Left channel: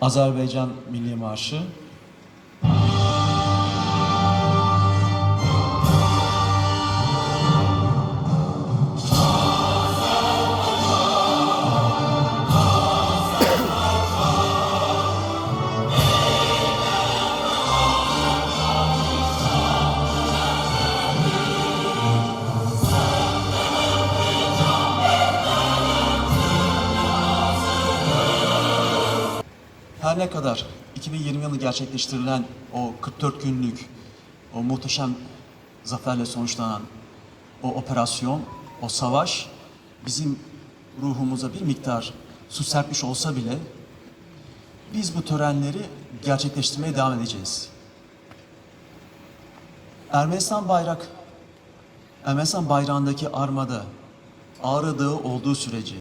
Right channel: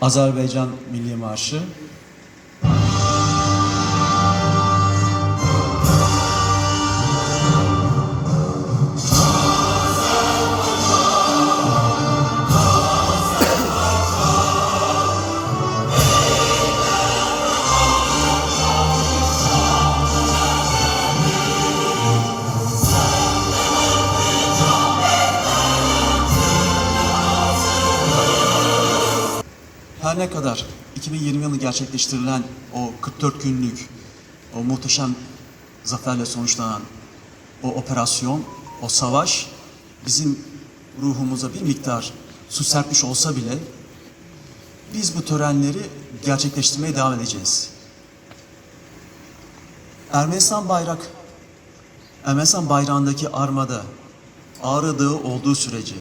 Azerbaycan Milli Marşı. Her ne kadar 2020 yılı gerçekleştirilen o 44 günlük o muhteşem zaferle sonuçlanan o operasyon, o savaş bizim ruhumuza bir miktar su serpmiş olsa bile biz bu törenleri gerçekleştirmeye devam edeceğiz. Ermenistan bayrak, Ermenistan bayrağındaki armada Ağrı Dağı olduğu sürece